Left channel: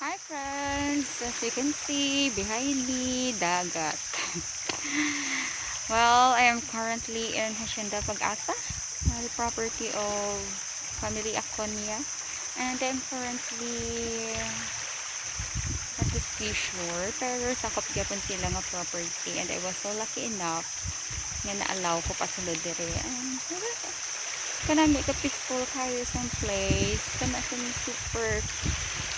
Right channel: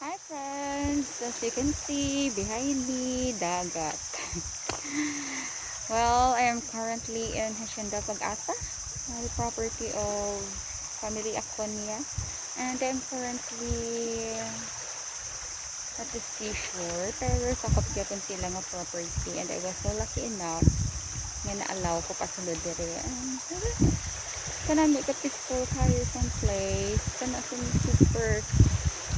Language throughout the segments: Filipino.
Hi friends! As you can see, behind me, dagat. Well, I am currently in Hacienda Pag-asa, the property of family Aconia. And I'm currently at the seashore. Pero sakop gyapon sila nga property. And I was so lucky enough nga na-allow ko pasulod dire. And kanami ka peaceful kayo sa place. Kana super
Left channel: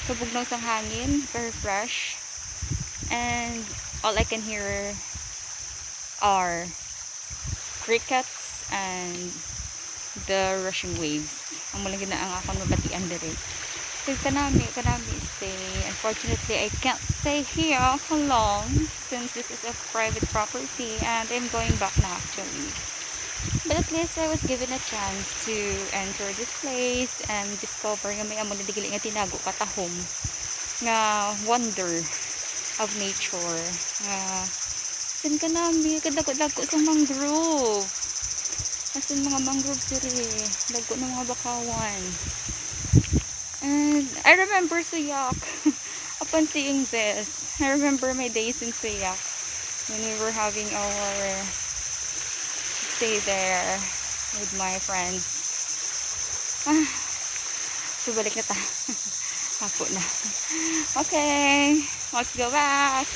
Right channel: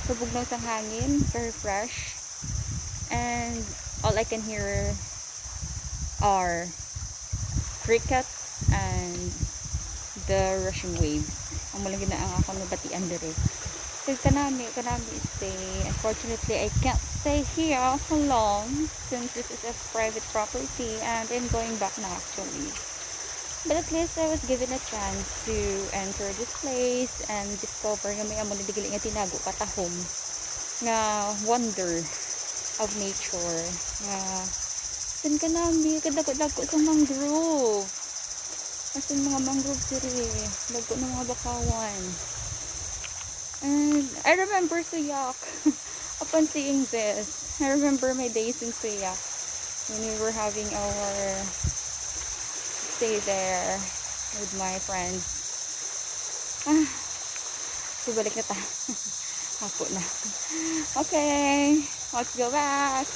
kabugnaw sang hangin, very fresh. And all I can hear are crickets and the rushing waves. Ang mula gina ang akong mabatian dire. So kanami stay. Unfortunately, I can't stay here for long since this is a private property and I'm going back na actually. But at least I was given a chance to enter this place and discover nga may amo na digili nga tinago katahom nga wonder of nature nga sin ka nami kadako-dako sa mangrove asin mga mangrove diri dagko ng mga bakawan. And I remember Suyak. Upon seeing this, I remember my days in Suyak when we were having our stay there with my friends. So balik na ta. Hapo na. Okay, let's go back.